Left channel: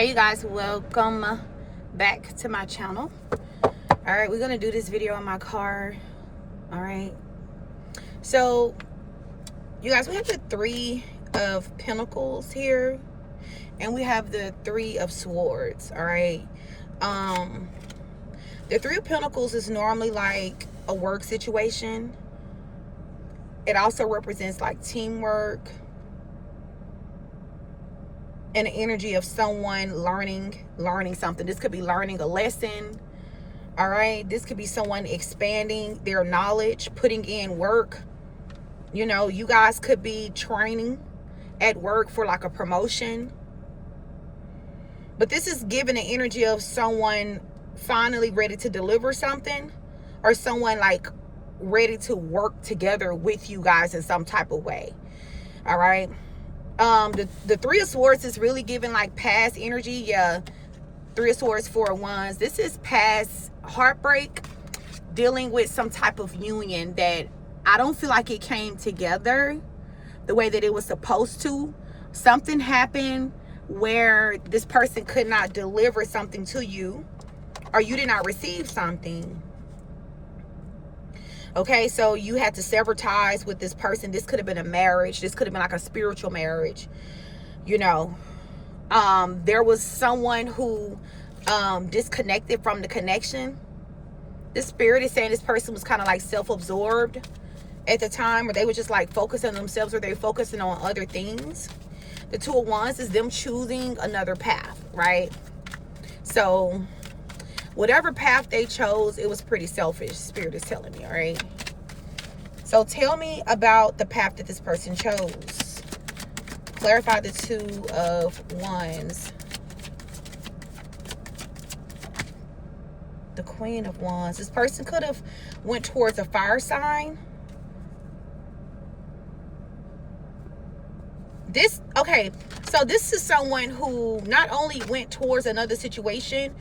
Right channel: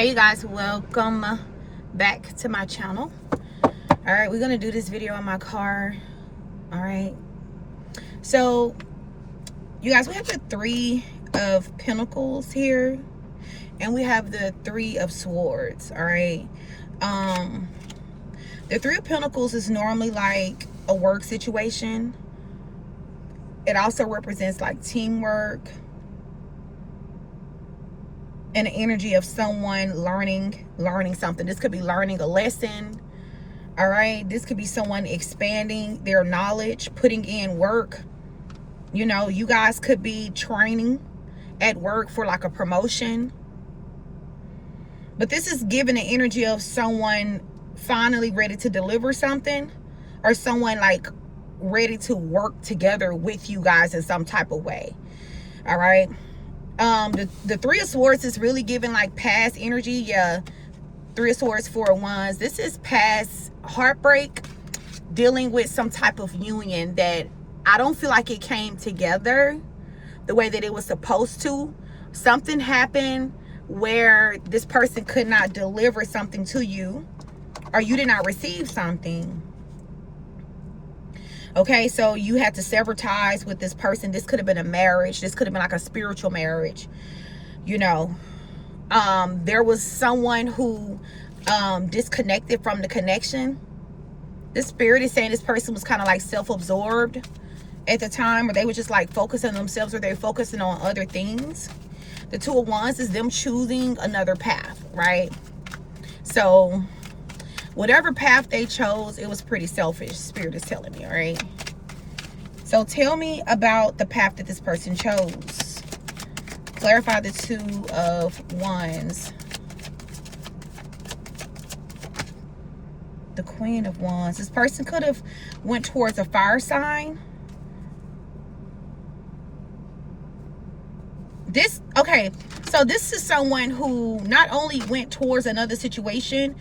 Hey you guys, welcome back to my channel. All right, we're gonna do this video on my car. All right, so you guys, we have the Three of Pentacles here and we have the Three of Swords. All right, the Three of Pentacles is normally like a work situation. It also represents like teamwork and the energy of someone learning something. This could be learning a lesson. All right, this could be someone expanding their knowledge, putting in work. You know, you guys could be training at work for like a promotion, but this is giving the energy of someone finally ready to deliver something, or someone like ready to work together with you guys in some type of way. All right, the Three of Swords is really giving like past energy. Yeah, Three of Swords, Four of Wands. This is past heartbreak, dealing with some type of union that I don't feel like it came together the way that it was supposed to. Something happened where this person could not deliver something to you, or you did not receive something. Okay, so you had to sever ties with this person. This could have been a marriage. This could have been like a spiritual marriage. You know, there was someone who disconnected from the connection. This spirit is saying this person was kind of like self-absorbed at the time, or they were just like focusing on themselves, or they were focusing on other things. The Two of Wands is them choosing another path, right? So whatever path they chose, it was pretty selfish, spirit is telling me. All right, so tell me about the path that this person chose. Clarify the Two of Wands. The Queen of Wands. This person could have went towards a fire sign. Okay, so this is someone who not only went towards another situation,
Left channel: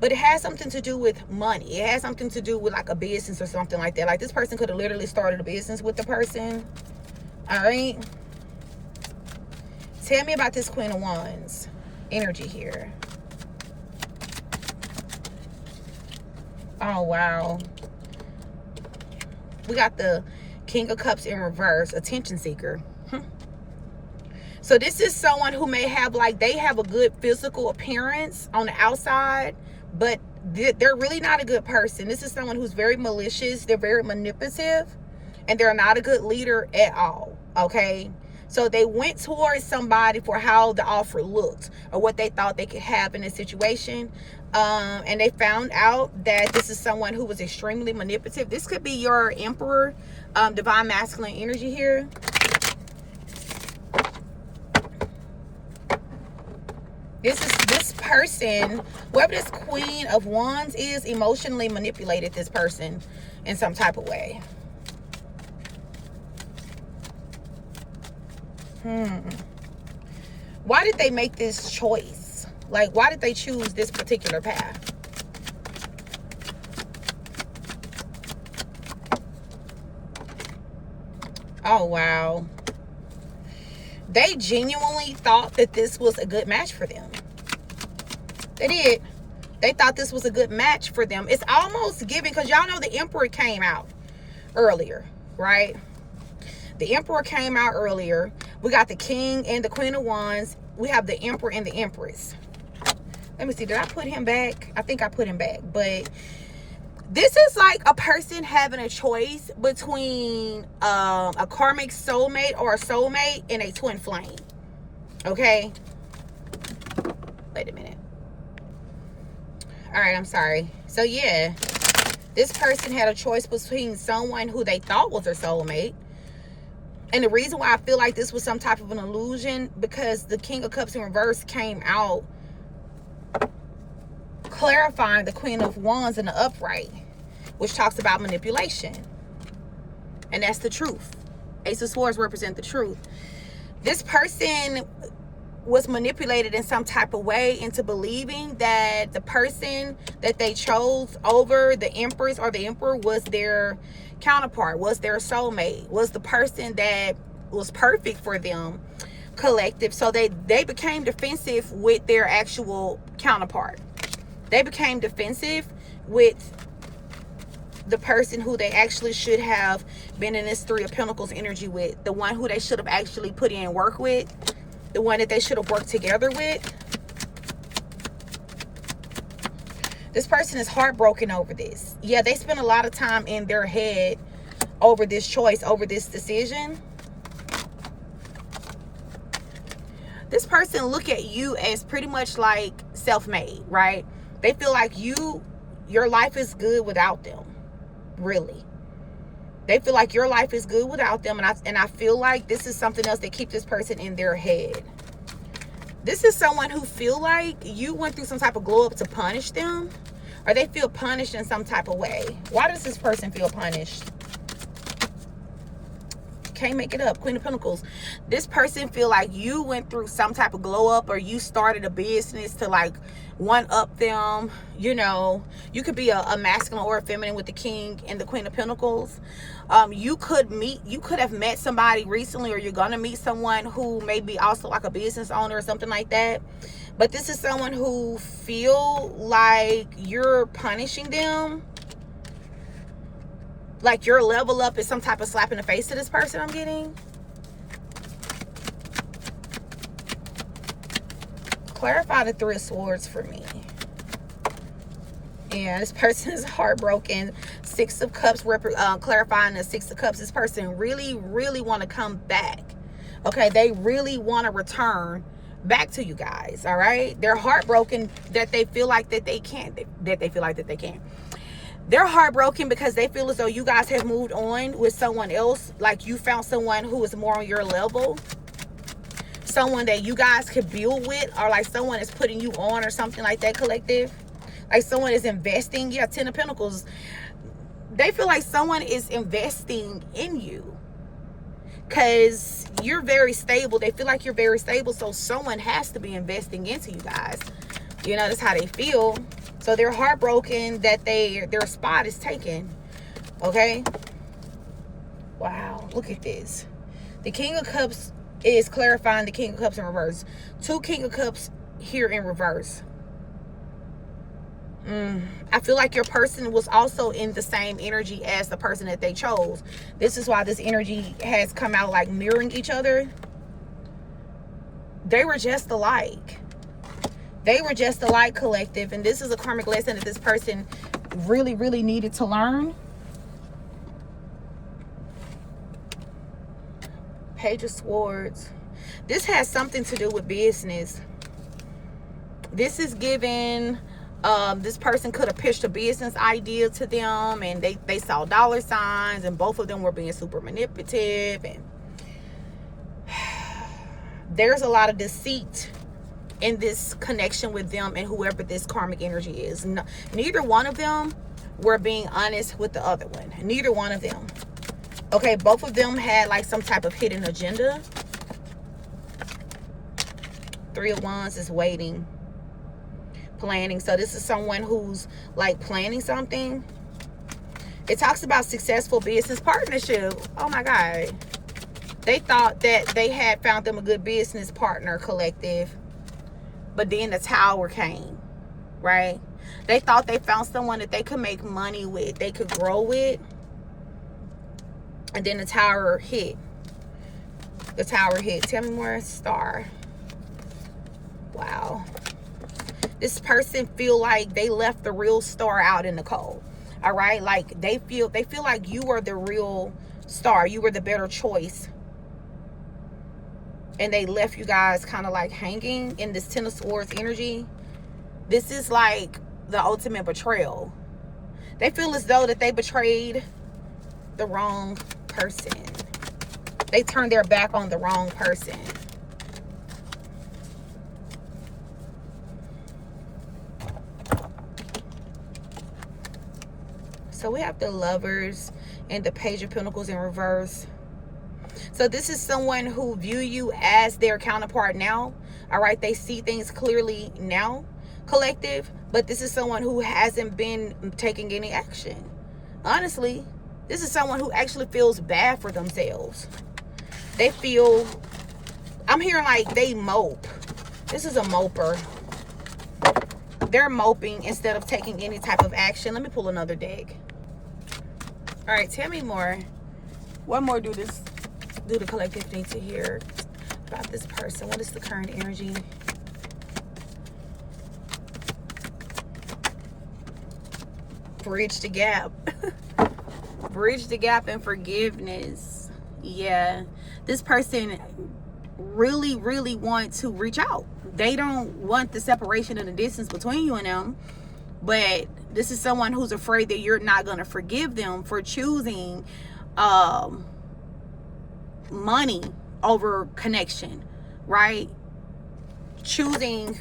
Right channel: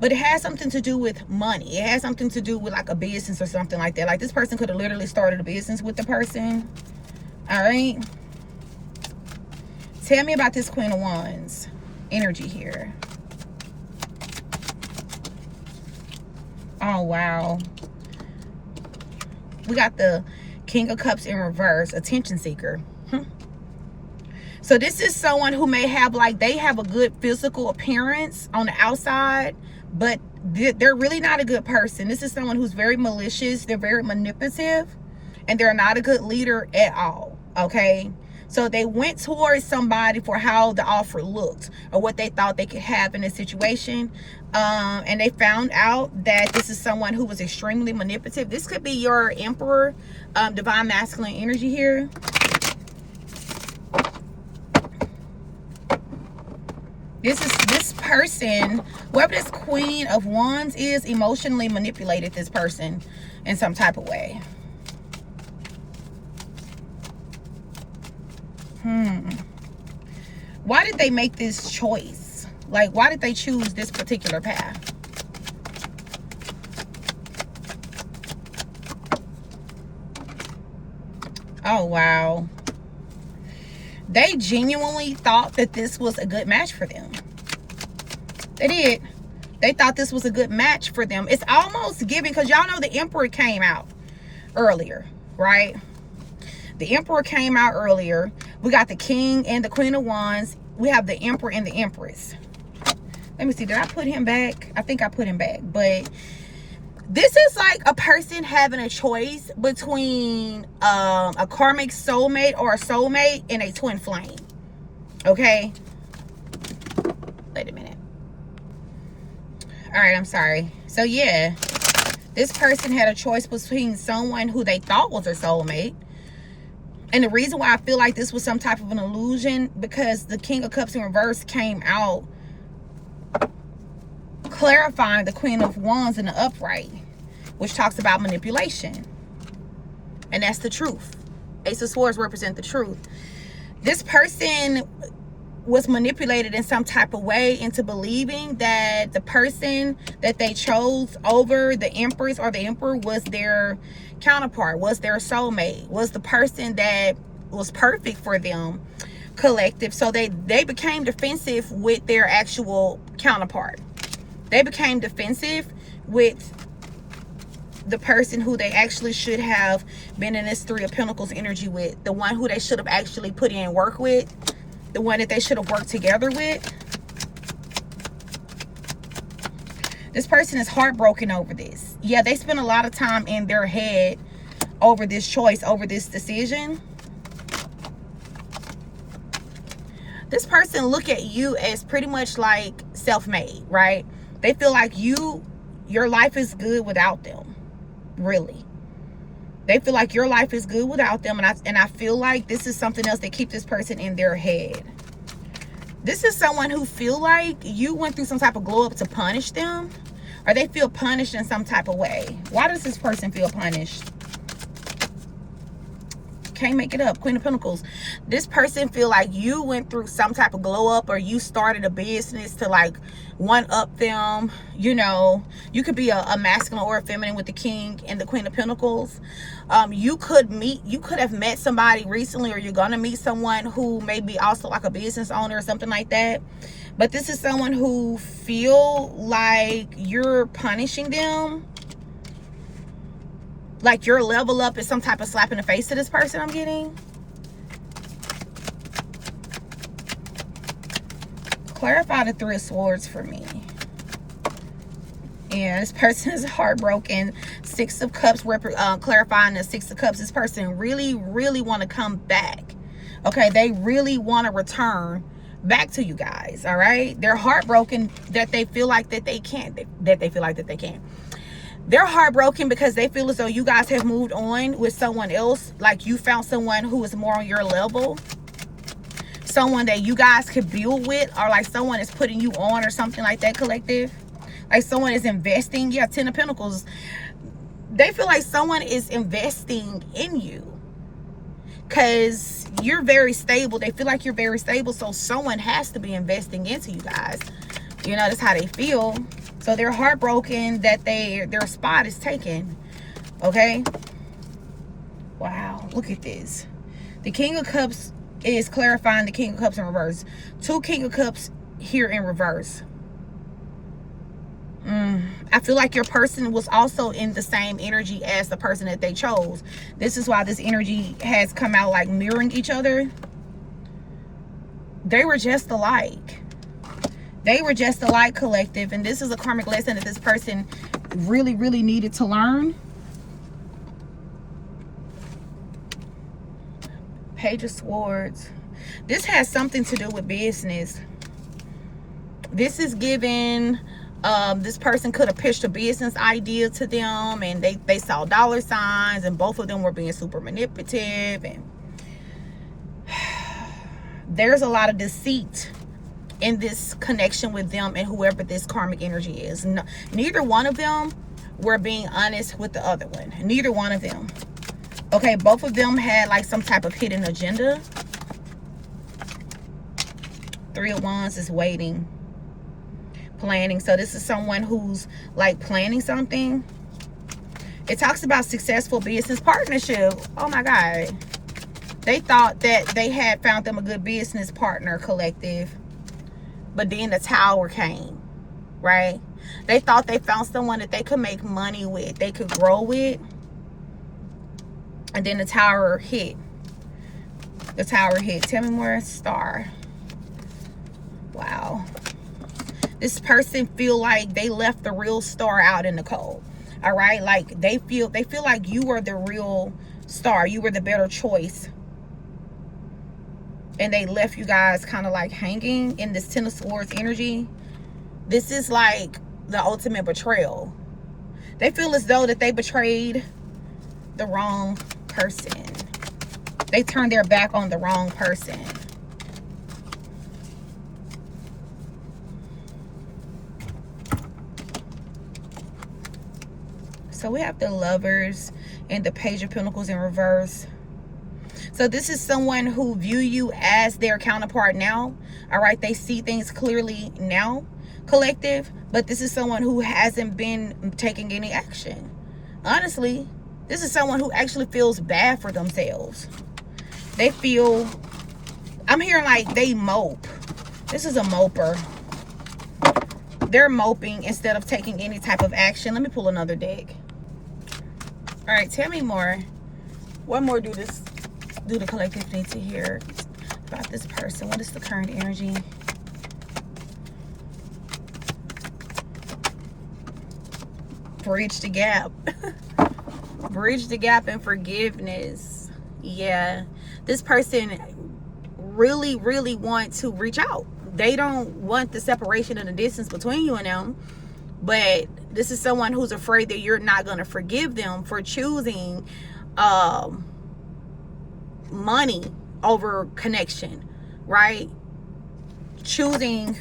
but it has something to do with money. It has something to do with like a business or something like that. Like this person could have literally started a business with the person. All right, tell me about this Queen of Wands energy here. Oh wow, we got the King of Cups in reverse, attention seeker. So this is someone who may have like, they have a good physical appearance on the outside, but they're really not a good person. This is someone who's very malicious. They're very manipulative, and they're not a good leader at all. Okay, so they went towards somebody for how the offer looked or what they thought they could have in a situation, and they found out that this is someone who was extremely manipulative. This could be your Emperor, divine masculine energy here. This person, whoever this Queen of Wands is, emotionally manipulated this person in some type of way. Why did they make this choice? Like, why did they choose this particular path? Oh, wow. They genuinely thought that this was a good match for them. They did. They thought this was a good match for them. It's almost giving, because y'all know the Emperor came out earlier, right? The Emperor came out earlier. We got the King and the Queen of Wands. We have the Emperor and the Empress. Let me see. Did I put him back? I think I put him back. But this is like a person having a choice between a karmic soulmate or a soulmate and a twin flame. Okay? Wait a minute. All right, I'm sorry. So yeah, this person had a choice between someone who they thought was their soulmate. And the reason why I feel like this was some type of an illusion, because the King of Cups in reverse came out clarifying the Queen of Wands in the upright, which talks about manipulation. And that's the truth. Ace of Swords represent the truth. This person was manipulated in some type of way into believing that the person that they chose over the Empress or the Emperor was their counterpart, was their soulmate, was the person that was perfect for them. collective. So they became defensive with their actual counterpart. They became defensive with the person who they actually should have been in this Three of Pentacles energy with, the one who they should have actually put in work with, the one that they should have worked together with. This person is heartbroken over this. Yeah, they spent a lot of time in their head over this choice, over this decision. This person look at you as pretty much like self-made, right? They feel like your life is good without them. Really, they feel like your life is good without them, and I feel like this is something else that keeps this person in their head. This is someone who feel like you went through some type of glow up to punish them, or they feel punished in some type of way. Why does this person feel punished? Can't make it up. Queen of Pentacles. This person feel like you went through some type of glow up, or you started a business to like one up them. You know, you could be a masculine or a feminine with the King and the Queen of Pentacles. You could have met somebody recently, or you're gonna meet someone who may be also like a business owner or something like that. But this is someone who feel like you're punishing them. Like your level up is some type of slap in the face to this person I'm getting. Clarify the Three of Swords for me. And this person is heartbroken. Six of Cups, clarifying the Six of Cups. This person really, really want to come back. Okay, they really want to return back to you guys. All right, they're heartbroken that they feel like that they can't. They're heartbroken because they feel as though you guys have moved on with someone else. Like you found someone who is more on your level. Someone that you guys could build with, or like someone is putting you on or something like that, collective. Like someone is investing. Yeah, Ten of Pentacles. They feel like someone is investing in you because you're very stable. They feel like you're very stable. So someone has to be investing into you guys. You know, that's how they feel. So they're heartbroken that their spot is taken. Okay. Wow. Look at this. The King of Cups is clarifying the King of Cups in reverse. Two King of Cups here in reverse. I feel like your person was also in the same energy as the person that they chose. This is why this energy has come out like mirroring each other. They were just alike. They were just alike, collective. And this is a karmic lesson that this person really, really needed to learn. Page of Swords. This has something to do with business. This is giving, this person could have pitched a business idea to them, and they saw dollar signs, and both of them were being super manipulative. And there's a lot of deceit in this connection with them and whoever this karmic energy is. No, neither one of them were being honest with the other one. Neither one of them. Okay, both of them had like some type of hidden agenda. Three of Wands is waiting, planning. So this is someone who's like planning something. It talks about successful business partnership. Oh my God. They thought that they had found them a good business partner, collective. But then the Tower came, right? They thought they found someone that they could make money with, they could grow with. And then the Tower hit. The Tower hit. Tell me more, Star. Wow. This person feel like they left the real star out in the cold. All right? Like they feel like you were the real star. You were the better choice. And they left you guys kind of like hanging in this Ten of Swords energy. This is like the ultimate betrayal. They feel as though that they betrayed the wrong person. They turned their back on the wrong person. So we have the Lovers and the Page of Pentacles in reverse. So this is someone who view you as their counterpart now. All right, they see things clearly now, collective. But this is someone who hasn't been taking any action. Honestly, this is someone who actually feels bad for themselves. They feel, I'm hearing like they mope. This is a moper. They're moping instead of taking any type of action. Let me pull another deck. All right, tell me more. What more do the collective need to hear about this person? What is the current energy? Bridge the gap. Bridge the gap and forgiveness. Yeah, this person really want to reach out. They don't want the separation and the distance between you and them, but this is someone who's afraid that you're not going to forgive them for choosing money over connection, right? Choosing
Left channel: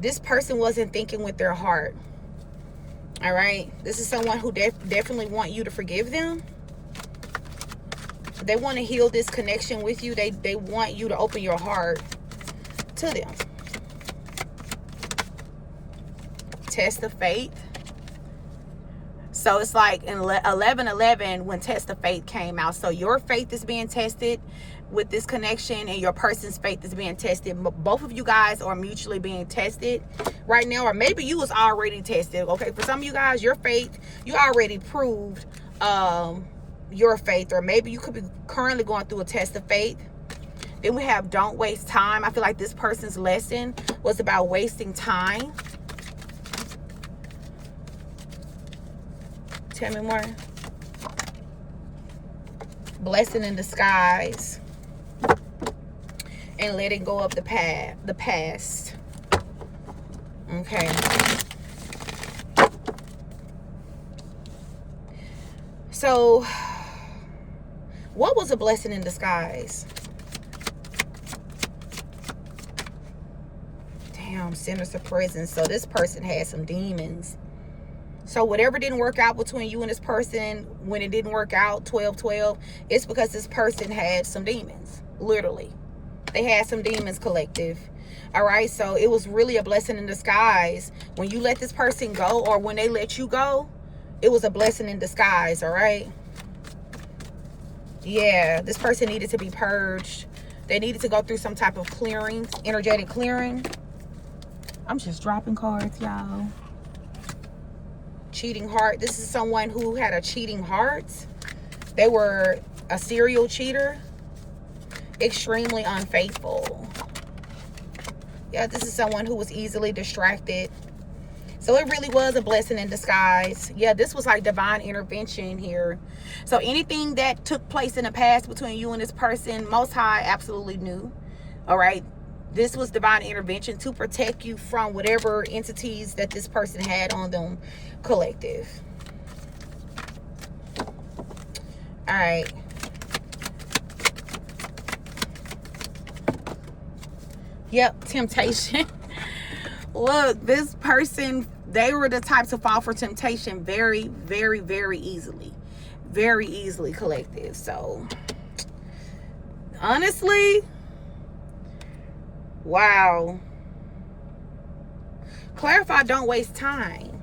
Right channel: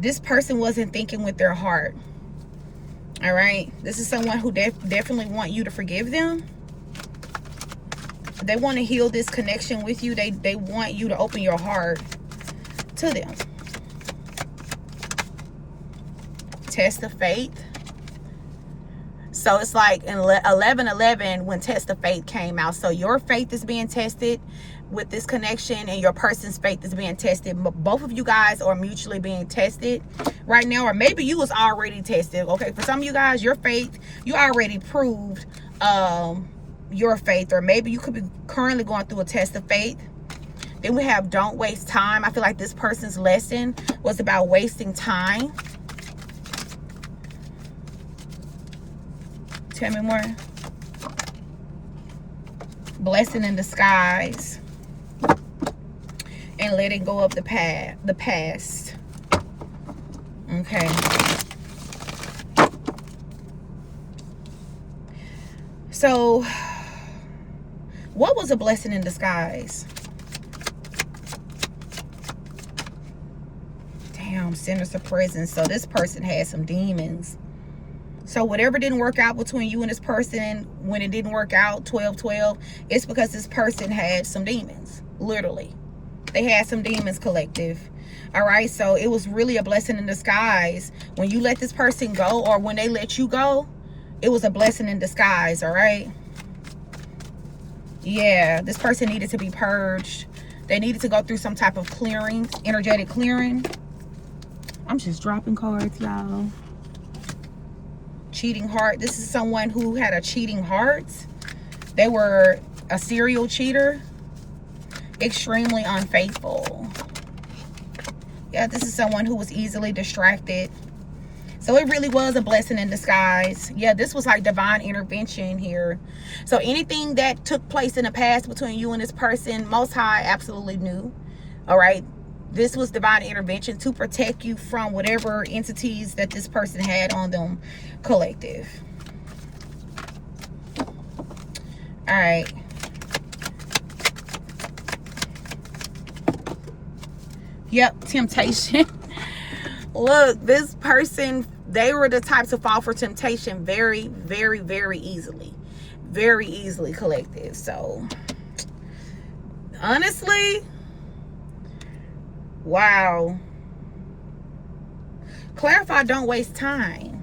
this person wasn't thinking with their heart. All right, this is someone who definitely want you to forgive them. They want to heal this connection with you. They want you to open your heart to them. Test of faith. So it's like in 11:11 when test of faith came out. So your faith is being tested with this connection, and your person's faith is being tested. Both of you guys are mutually being tested right now, or maybe you was already tested. Okay, for some of you guys, your faith, you already proved your faith, or maybe you could be currently going through a test of faith. Then we have don't waste time. I feel like this person's lesson was about wasting time. Tell me more. Blessing in disguise. And letting go of the past. Okay. So, what was a blessing in disguise? Damn, sinister presence. So this person had some demons. So whatever didn't work out between you and this person, when it didn't work out, 12-12, it's because this person had some demons. Literally. They had some demons, collective. All right, so it was really a blessing in disguise. When you let this person go, or when they let you go, it was a blessing in disguise, all right? Yeah, this person needed to be purged. They needed to go through some type of clearing, energetic clearing. I'm just dropping cards, y'all. Cheating heart. This is someone who had a cheating heart. They were a serial cheater. Extremely unfaithful. Yeah, this is someone who was easily distracted. So it really was a blessing in disguise. Yeah, this was like divine intervention here. So anything that took place in the past between you and this person, Most High absolutely knew. All right. This was divine intervention to protect you from whatever entities that this person had on them, collective. All right. Yep, temptation. Look, this person, they were the types to fall for temptation very easily. Very easily, collective. So, honestly, wow. Clarify, don't waste time.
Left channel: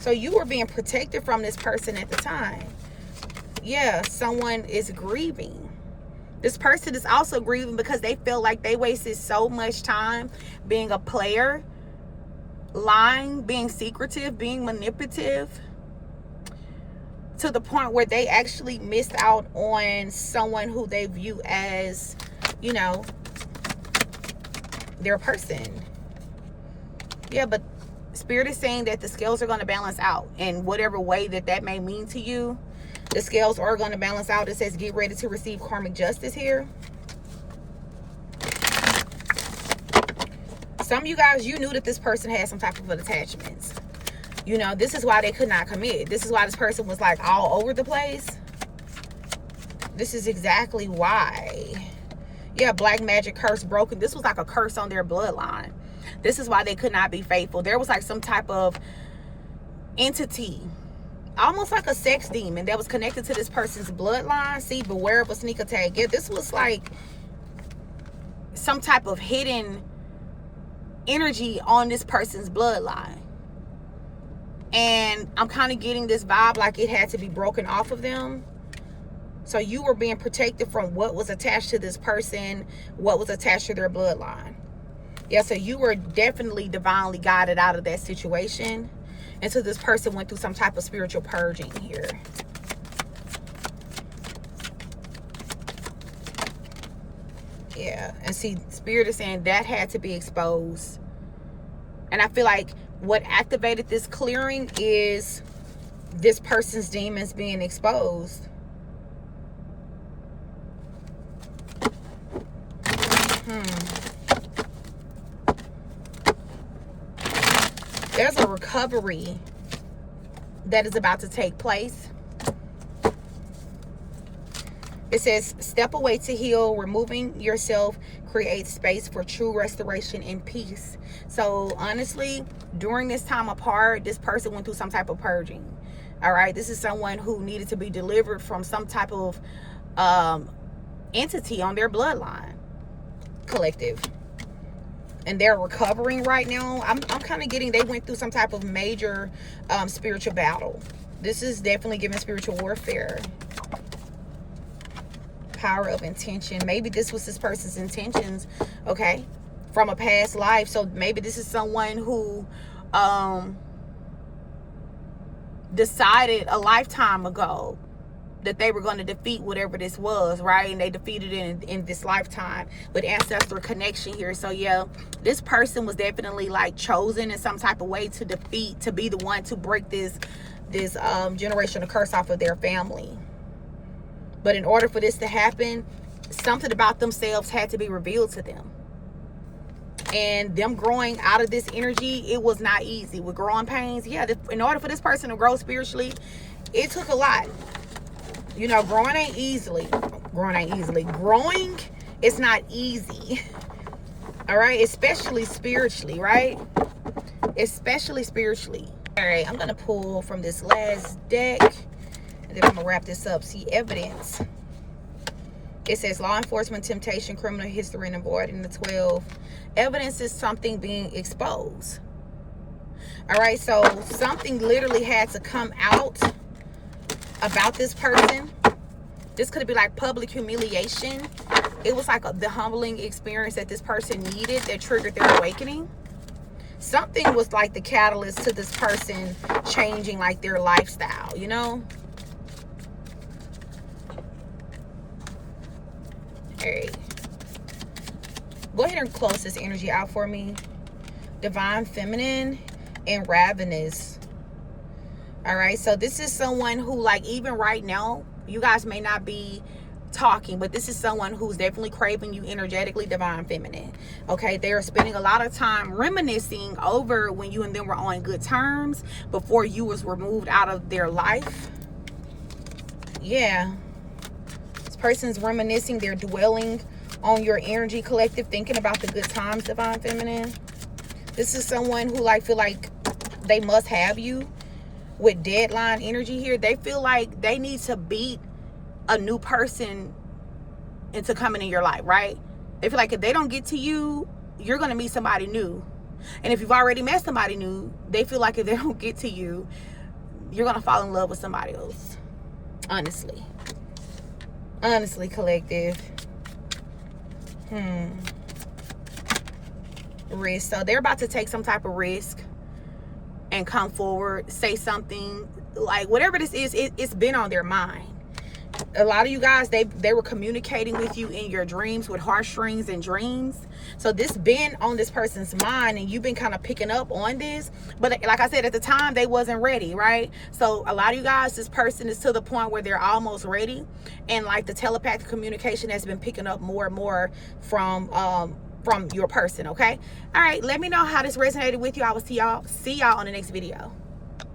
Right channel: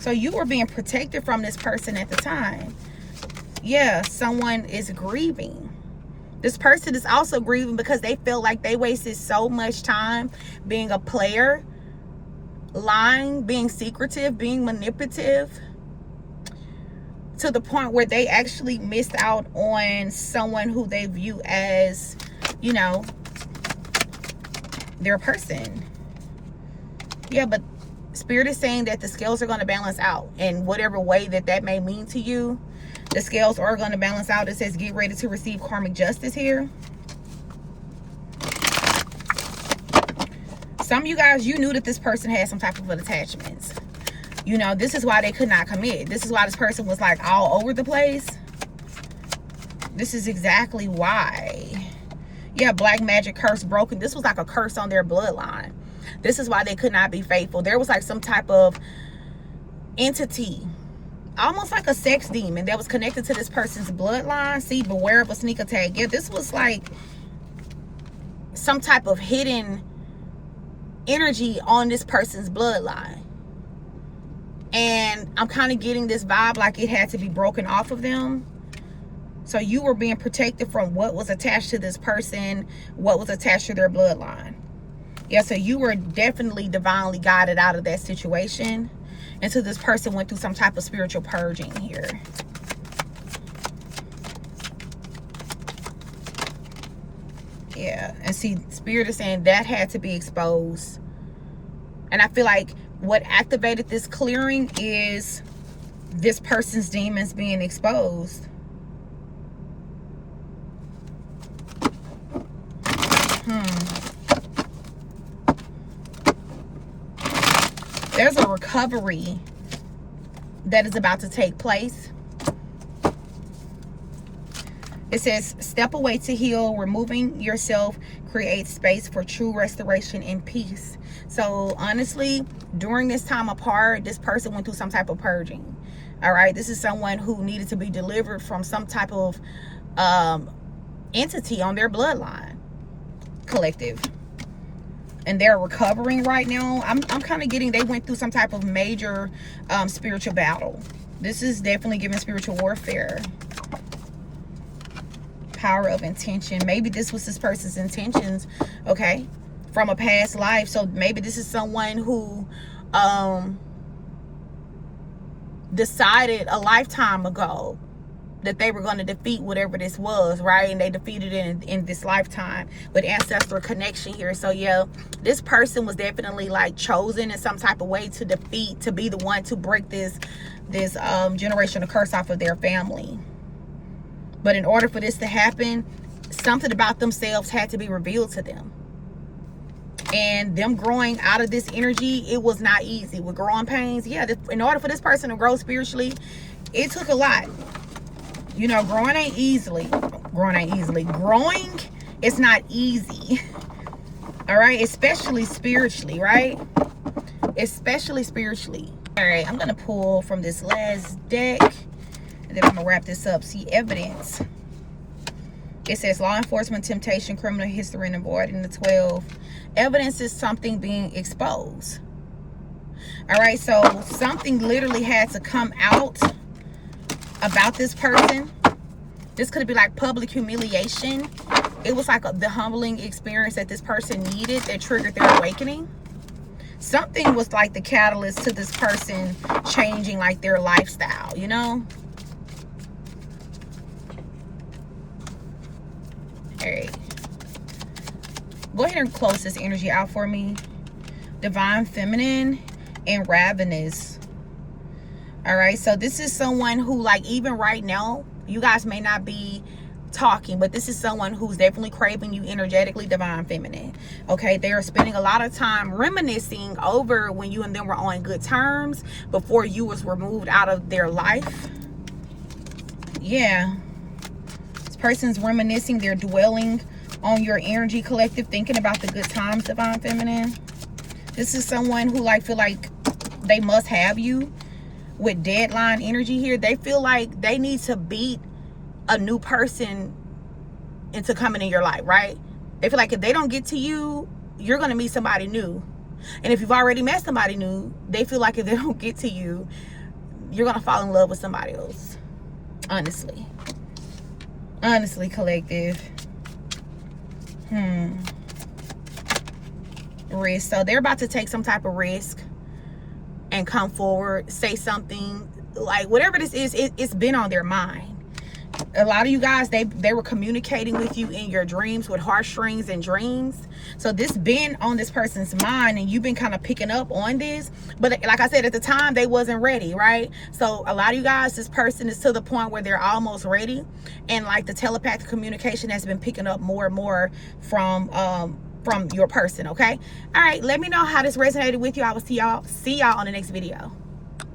So you were being protected from this person at the time. Yeah, someone is grieving. This person is also grieving because they feel like they wasted so much time being a player, lying, being secretive, being manipulative, to the point where they actually missed out on someone who they view as, you know, their person. Yeah, but Spirit is saying that the scales are going to balance out in whatever way that may mean to you. The scales are going to balance out. It says get ready to receive karmic justice here. Some of you guys, you knew that this person had some type of attachments. You know, this is why they could not commit. This is why this person was like all over the place. This is exactly why. Yeah, black magic curse broken. This was like a curse on their bloodline. This is why they could not be faithful. There was like some type of entity, almost like a sex demon, that was connected to this person's bloodline. See, beware of a sneak attack. Yeah, this was like some type of hidden energy on this person's bloodline. And I'm kind of getting this vibe like it had to be broken off of them. So you were being protected from what was attached to this person, what was attached to their bloodline. Yeah, so you were definitely divinely guided out of that situation until this person went through some type of spiritual purging here. Yeah, and see, Spirit is saying that had to be exposed. And I feel like what activated this clearing is this person's demons being exposed. There's a recovery that is about to take place. It says, step away to heal. Removing yourself creates space for true restoration and peace. So honestly, during this time apart, this person went through some type of purging. All right, this is someone who needed to be delivered from some type of entity on their bloodline, collective. And they're recovering right now. I'm kind of getting they went through some type of major spiritual battle. This is definitely giving spiritual warfare. Power of intention. Maybe this was this person's intentions, okay, from a past life. So maybe this is someone who decided a lifetime ago that they were going to defeat whatever this was, right? And they defeated it in this lifetime with ancestral connection here. So yeah, this person was definitely like chosen in some type of way to defeat, to be the one to break this generational curse off of their family. But in order for this to happen, something about themselves had to be revealed to them. And them growing out of this energy, it was not easy. With growing pains, yeah, in order for this person to grow spiritually, it took a lot. You know, growing ain't easily. Growing is not easy. All right, especially spiritually, right? Especially spiritually. All right, I'm gonna pull from this last deck, and then I'm gonna wrap this up. See, evidence. It says law enforcement, temptation, criminal history, and avoiding the 12. Evidence is something being exposed. All right, so something literally had to come out about this person. This could be like public humiliation. It was like the humbling experience that this person needed that triggered their awakening. Something was like the catalyst to this person changing like their lifestyle, you know? All right. Go ahead and close this energy out for me. Divine Feminine and Ravenous. All right, so this is someone who, like, even right now, you guys may not be talking, but this is someone who's definitely craving you energetically, Divine Feminine. Okay, they are spending a lot of time reminiscing over when you and them were on good terms before you was removed out of their life. Yeah, this person's reminiscing. They're dwelling on your energy, collective, thinking about the good times, Divine Feminine. This is someone who, like, feel like they must have you. With deadline energy here, they feel like they need to beat a new person into coming in your life, right? They feel like if they don't get to you, you're going to meet somebody new. And if you've already met somebody new, they feel like if they don't get to you, you're going to fall in love with somebody else. Honestly, collective. Risk. So they're about to take some type of risk and come forward, say something, like whatever this is, it's been on their mind. A lot of you guys, they were communicating with you in your dreams with heartstrings and dreams. So this been on this person's mind, and you've been kind of picking up on this. But like I said, at the time, they wasn't ready, right? So a lot of you guys, this person is to the point where they're almost ready, and like the telepathic communication has been picking up more and more from your person. Okay, all right, let me know how this resonated with you. I will see y'all on the next video.